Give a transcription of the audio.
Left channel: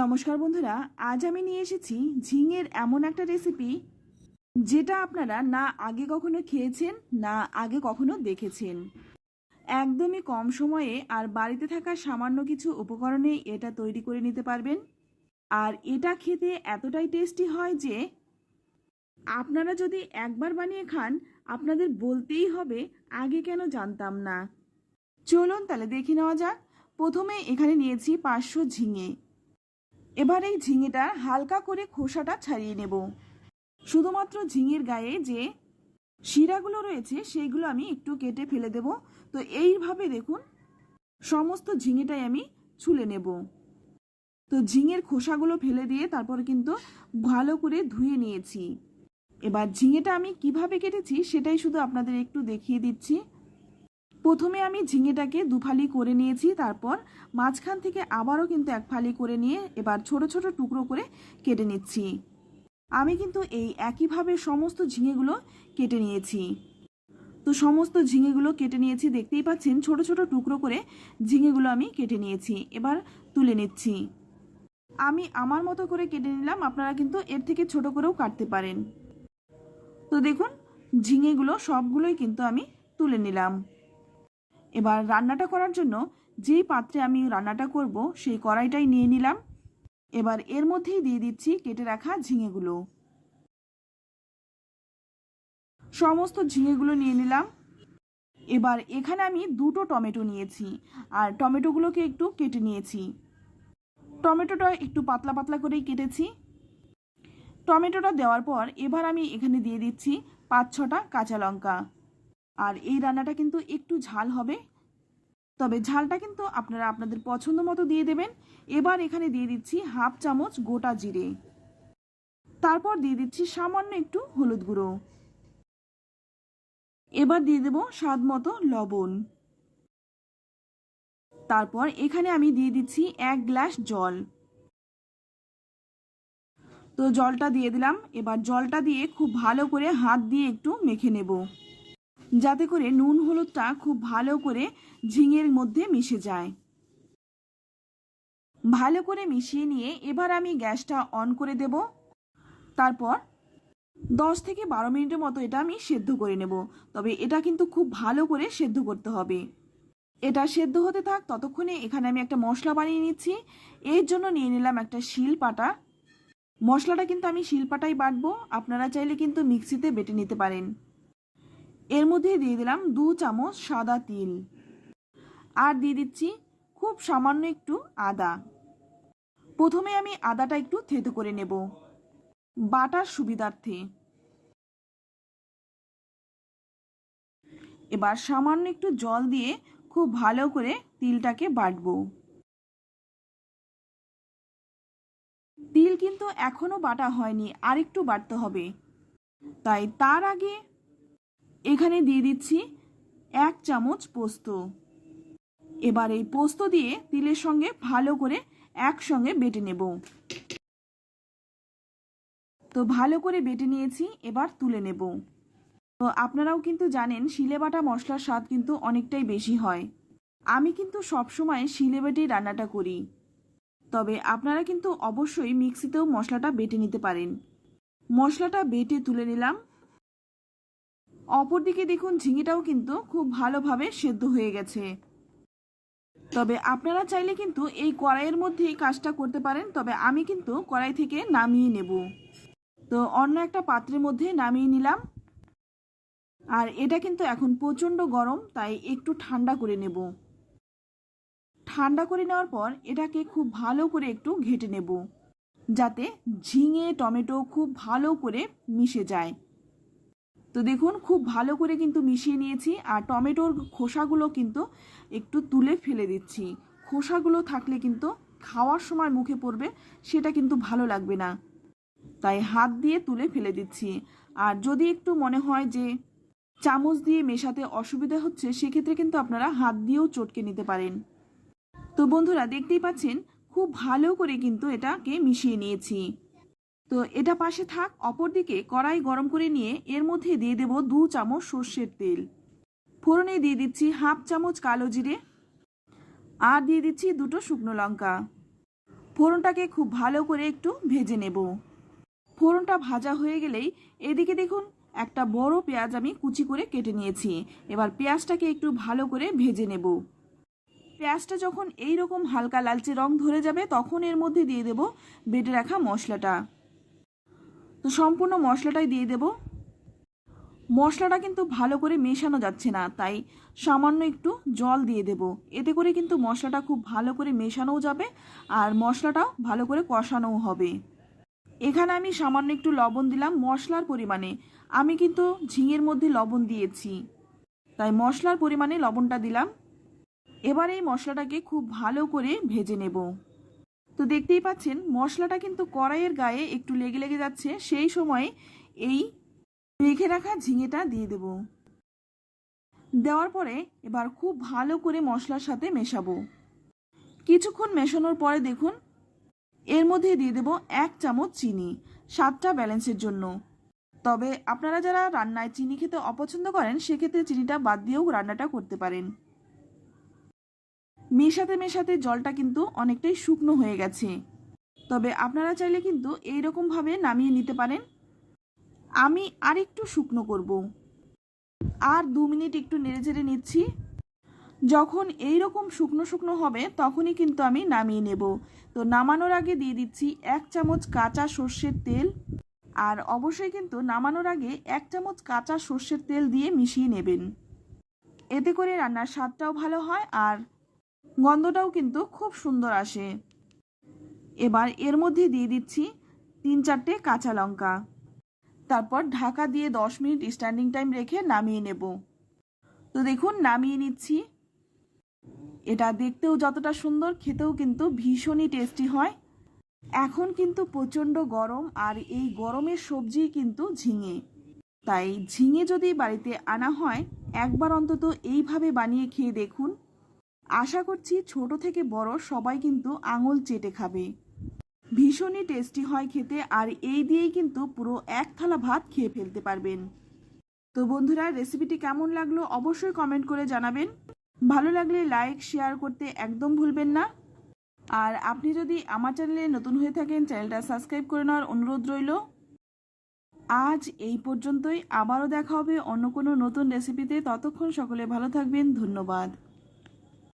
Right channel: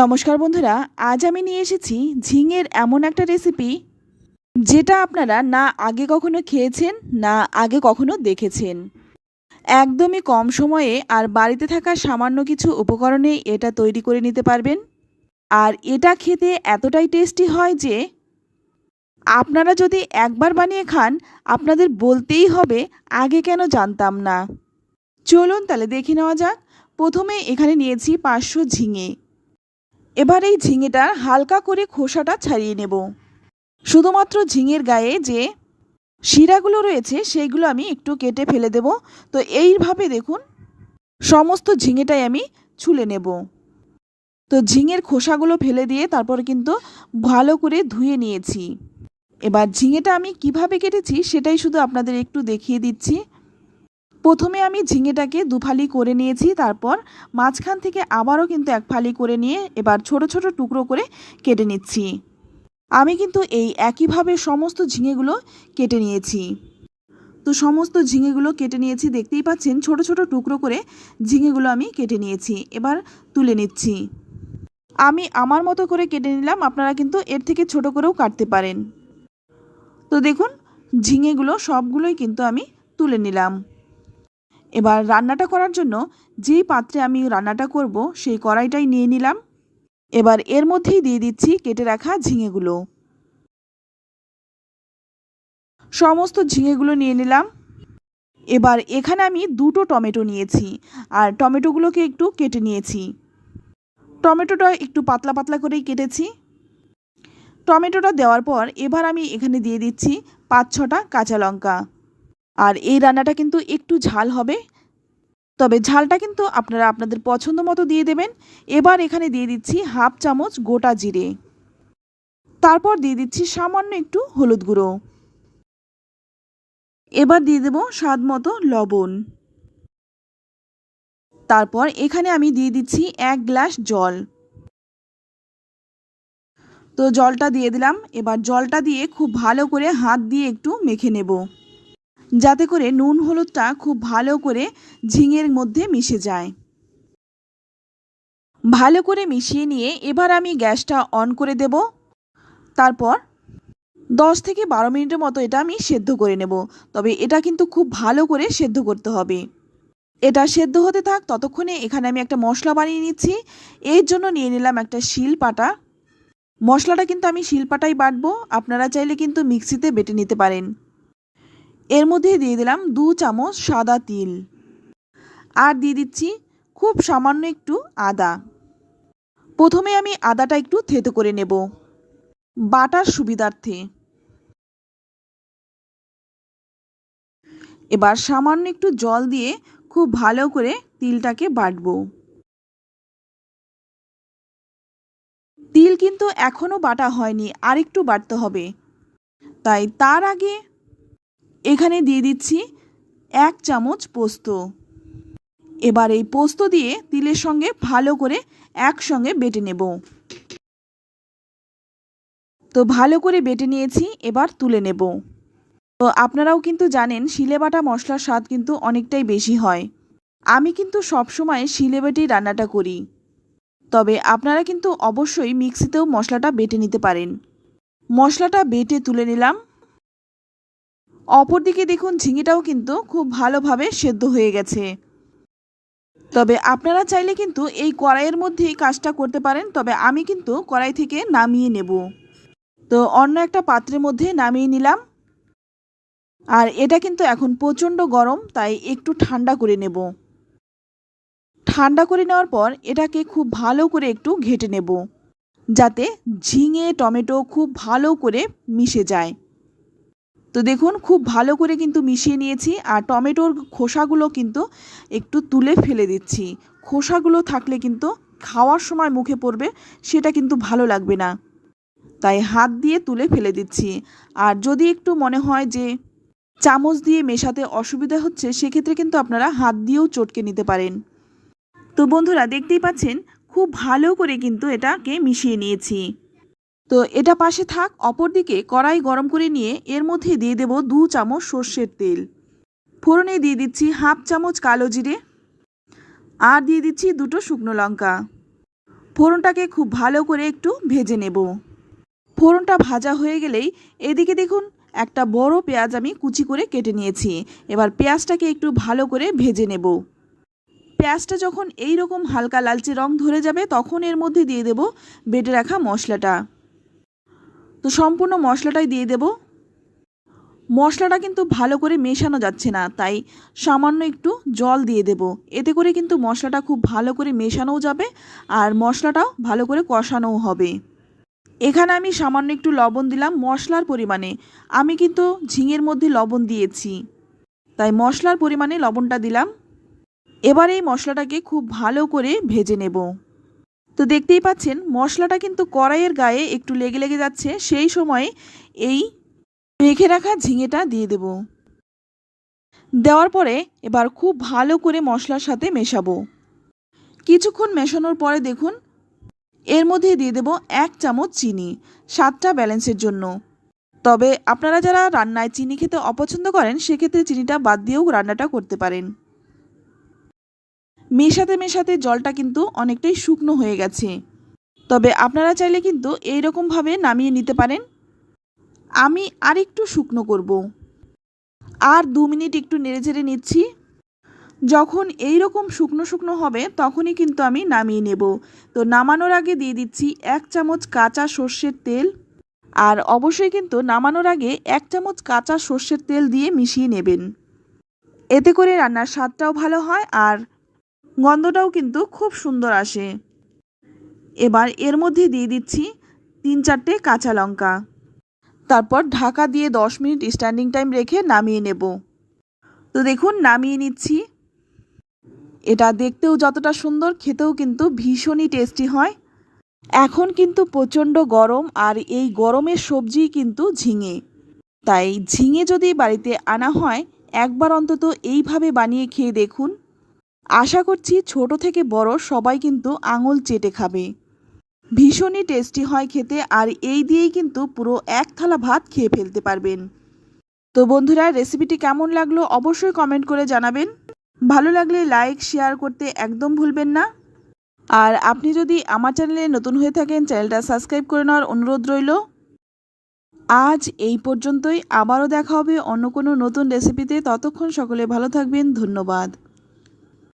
নমস্কার বন্ধুরা, আজ আমি নিয়ে এসেছি ঝিঙের এমন একটা রেসিপি যেটা আপনারা না আগে কখনো খেয়েছেন না আগে কখনো দেখেছেন। একদমই কম সময়ে আর বাড়িতে থাকা সামান্য কিছু উপকরণে এটা তৈরি করে নিতে পারবেন। আর এটা খেতে এতটাই টেস্টি হয় যে আপনারা যদি একবার বানিয়ে খান আপনাদের বলতেই হবে আগে কেন জানতাম না। চলুন তাহলে দেখে নেওয়া যাক। প্রথমে এখানে নিয়েছি 500 ঝিঙে। এবার এই ঝিঙেটার হালকা করে খোসাটা ছাড়িয়ে নেব। শুধুমাত্র ঝিঙের গায়ে যে শিরাগুলো রয়েছে সেইগুলো আমি একটু কেটে ফেলে দেব। তো এইভাবে দেখুন সমস্ত ঝিঙেটাই আমি ছুলে নেব। তো ঝিঙের খোসাগুলো ফেলে দিয়ে তারপর কিন্তু ভালো করে ধুয়ে নিয়েছি। এবার ঝিঙেটা আমি কিভাবে কেটেছি সেটাই শুধু আপনাদের একটু দেখিয়ে দিচ্ছি। প্রথমে আমি ঝিঙেটাকে দুফালি করে নিয়েছি, তারপর মাঝখান থেকে আবারও কিন্তু এক ফালি করে নিয়ে এবার ছোট ছোট টুকরো করে কেটে নিচ্ছি। আমি কিন্তু এই একইভাবে সমস্ত ঝিঙেগুলো কেটে নিয়েছি। তো সমস্ত ঝিঙেগুলো কেটে নিয়েছি, দেখতেই পাচ্ছেন ছোট ছোট টুকরো করে ঝিঙেগুলো আমি কেটে নিয়েছি। এবার তুলে নিচ্ছি। আমি আমার মতো করে কেটে নিলাম, আপনারা কিন্তু এর থেকে ছোট করেও কাটতে পারেন। তো দেখুন ঝিঙেগুলো সবগুলোই কিন্তু আমি তুলে নিলাম। এবার রান্নাটা করার জন্য যেই পাত্রে আমি রান্নাটা করব সেই কড়াইটাই নিয়ে নিলাম। এবার এর মধ্যেই দিয়ে দিচ্ছি কেটে রাখা ঝিঙেগুলো। সমস্ত ঝিঙেগুলো নিয়ে নিলাম। এবার এখানে আমি দুটো টমেটো নিয়েছি আর টমেটোগুলোকে একটু কেটে নিয়েছি। টমেটোটা একটু পাতলা পাতলা করেই কেটেছি। টমেটোটা দেওয়ার পর এবার আমি এখানে দিয়ে দিচ্ছি 5-6টা কাঁচা লঙ্কা। আর এই রান্নাটা কিন্তু একটু ঝাল হবে, তবে ঝালটা কিন্তু আপনারা আপনাদের পছন্দ মতো দিয়ে দেবেন। এবার এখানে দিয়ে দিচ্ছি হাফ চামচ গোটা জিরে, তারপর দিয়ে দিচ্ছি সামান্য একটু হলুদ গুঁড়ো। এবার দিয়ে দেব স্বাদ মতো লবণ। তারপর এখানে আমি দিয়ে দিচ্ছি 1 গ্লাস জল। তো জলটা দিয়ে দিলাম। এবার জলটা দিয়ে খুব ভালো করে হাত দিয়ে একটু মেখে নেব, যাতে করে নুন হলুদটা খুব ভালো করে ঝিঙের মধ্যে মিশে যায়। ভালো করে মিশিয়ে নিয়ে এবার আমি গ্যাসটা অন করে দেব। তারপর 10 থেকে 12 মিনিটের মতো এটা আমি সেদ্ধ করে নেব। তবে এটা কিন্তু খুব ভালো করে সেদ্ধ করতে হবে। এটা সেদ্ধ হতে থাক ততক্ষণে এখানে আমি একটা মশলা বানিয়ে নিচ্ছি। এর জন্য নিয়ে নিলাম একটা শিলপাটা। মশলাটা কিন্তু আমি শিলপাটাই বাটবো, আপনারা চাইলে কিন্তু মিক্সিতে বেটে নিতে পারেন। এর মধ্যে দিয়ে দিলাম 2 চামচ সাদা তিল, আর দিয়ে দিচ্ছি খুব সামান্য একটু আদা। প্রথমে আমি আদাটা একটু থেতো করে নেব বাটার সুবিধার্থে। এবার সামান্য একটু জল দিয়ে খুব ভালো করে তিলটাকে বাটবো। তিল কিন্তু এখনও বাটা হয়নি, আর একটু বাটতে হবে। তাই তার আগে এখানে দিয়ে দিচ্ছি 1 চামচ পোস্ত। এবার এই পোস্ত দিয়ে তিলের সঙ্গে ভালো করে একসঙ্গে বেটে নেব। তো ভালো করে বেটে নিয়েছি, এবার তুলে নেব। তো আপনারাও কিন্তু জানেন শিলে বাটা মশলার স্বাদ কিন্তু অনেকটাই বেশি হয়। আমি কিন্তু সবসময় শিলে বেটেই রান্নাটা করি, তবে আপনারা কিন্তু অবশ্যই মিক্সিতেও মশলাটা বেটে নিতে পারেন। মশলাটা বেটে তুলে নিলাম। অপরদিকে দেখুন ঝিঙেটাও কিন্তু খুব ভালোভাবে সেদ্ধ হয়ে গেছে। তবে আপনারা চাইলে কিন্তু এই কড়াইয়ের মধ্যেই কাজটা করতে পারেন, তবে আমি কিন্তু কড়াই থেকে নামিয়ে নেব। তো অন্য একটা পাত্রের মধ্যে নামিয়ে নিলাম। আর এটা কিন্তু এখন প্রচণ্ড গরম, তাই একটু ঠান্ডা করে নেব। ঠান্ডা করে নেওয়ার পর এটাকে খুব ভালো করে একটু ঘেঁটে নেব, যাতে ঝিঙে টমেটো খুব ভালো করে মিশে যায়। তো দেখুন খুব ভালো করে কিন্তু মিশিয়ে নিয়েছি। আর টমেটোর খোসাগুলো কিন্তু একটু তুলে ফেলে দিচ্ছি। খোসাগুলো থাকলে কিন্তু খাওয়ার সময় মুখে পড়বে, সেটা কিন্তু ভালো লাগবে না, তাই হাত দিয়ে তুলে ফেলে দিচ্ছি। আর যদি একটু মনে হয় যে চামচ দিয়ে মেশাতে অসুবিধা হচ্ছে, সেক্ষেত্রে কিন্তু আপনারা হাত দিয়েও চটকে নিতে পারেন। তো বন্ধুরা দেখতেই পাচ্ছেন খুব ভালো করে কিন্তু এটাকে মিশিয়ে নিয়েছি। তো এটা পাশে থাক। অপরদিকে কড়াই গরম করে নিয়ে এর মধ্যে দিয়ে দেব 2 চামচ সর্ষের তেল। ফোড়নে দিয়ে দিচ্ছি হাফ চামচ কালো জিরে, আর দিয়ে দিচ্ছি 2টো শুকনো লঙ্কা। ফোড়নটাকে খুব ভালো করে একটু ভেজে নেব। ফোড়নটা ভাজা হয়ে গেলেই এদিকে দেখুন একটা বড় পেঁয়াজ আমি কুচি করে কেটে নিয়েছি। এবার পেঁয়াজটাকে একটু ভালো করে ভেজে নেব। পেঁয়াজটা যখন এই রকম হালকা লালচে রং ধরে যাবে তখন এর মধ্যে দিয়ে দেব বেটে রাখা মশলাটা। তো সম্পূর্ণ মশলাটাই দিয়ে দেব। মশলাটা কিন্তু ভালো করে মেশানো যাচ্ছে না, তাই সামান্য একটু জল দিয়ে দেব। এতে করে কিন্তু মশলাটা খুব ভালো করে মেশানোও যাবে আর মশলাটাও ভালো করে কষানোও হবে। এখানে আমি সামান্য একটু লবণ দিলাম মশলার পরিমাণে। আমি কিন্তু ঝিঙের মধ্যে লবণ দিয়েছি, তাই মশলার পরিমাণে লবণটা দিলাম। এবার এই মশলাটাকে খুব ভালো করে ভেজে নেব। তো দেখতেই পাচ্ছেন মশলাটা কিন্তু কড়াইয়ের গায়ে একটু লেগে লেগে যাচ্ছে। সেই সময় এই মেখে রাখা ঝিঙেটা দিয়ে দেব। দেওয়ার পরে এবার খুব ভালো করে মশলার সাথে মেশাবো। কিছুক্ষণ মেশানোর পরে দেখুন এর মধ্যে দিয়ে দেব 1 চামচ চিনি, স্বাদটা ব্যালেন্সের জন্য। তবে আপনারা যারা রান্নায় চিনি খেতে অপছন্দ করেন সেক্ষেত্রে চিনিটা বাদ দিয়েও রান্নাটা করতে পারেন। মেশাতে মেশাতে জলটা কিন্তু অনেকটাই শুকনো হয়ে গেছে, তবে আপনারা চাইলে কিন্তু এইরকমভাবে নামিয়ে নিতে পারেন। আমি আর একটু শুকনো করব। আর 2 মিনিট একটু নেড়েচেড়ে নিচ্ছি। যখন এই রকম শুকনো শুকনো হবে তখনই কিন্তু আমি নামিয়ে নেব। তো নামানোর আগে দিয়ে দিচ্ছি 1 চামচ কাঁচা সর্ষের তেল। আর অবশ্যই কিন্তু নামানোর আগে 1 চামচ কাঁচা সর্ষের তেল দিয়ে মিশিয়ে নেবেন। এতে করে রান্নার স্বাদটাও ভালো হয় আর গন্ধটাও কিন্তু খুব সুন্দর আসে। এবার এর মধ্যে দিয়ে দিচ্ছি 3-4টে কাঁচা লঙ্কা। তারপর ঢাকা দিয়ে 10 মিনিট স্ট্যান্ডিং টাইম রেখে নামিয়ে নেব। তো দেখুন নামিয়ে নিচ্ছি। এটা দেখতেও যতটা সুন্দর খেতেও কিন্তু ভীষণই টেস্টি হয়। এখন কিন্তু প্রচণ্ড গরম আর এই গরমের সবজি কিন্তু ঝিঙে, তাই ঝিঙে যদি বাড়িতে আনা হয় একবার অন্তত এইভাবে বানিয়ে খেয়ে দেখুন। আশা করছি ছোট থেকে বড় সবাই কিন্তু আঙুল চেটে খাবে। ভীষণই টেস্টি হয় খেতে আর এই দিয়েই কিন্তু পুরো 1 থালা ভাত খেয়ে ফেলতে পারবেন। তো বন্ধুরা রেসিপিটি কেমন লাগলো অবশ্যই কমেন্ট করে জানাবেন। ভালো লাগলে লাইক শেয়ার করতে একদম ভুলবেন না। আর আপনি যদি আমার চ্যানেলে নতুন হয়ে থাকেন চ্যানেলটা সাবস্ক্রাইব করে নেওয়ার অনুরোধ রইল। আজ এই পর্যন্তই, আবারও দেখা হবে অন্য কোনো নতুন রেসিপিতে। ততক্ষণ সকলে ভালো থাকবেন, ধন্যবাদ।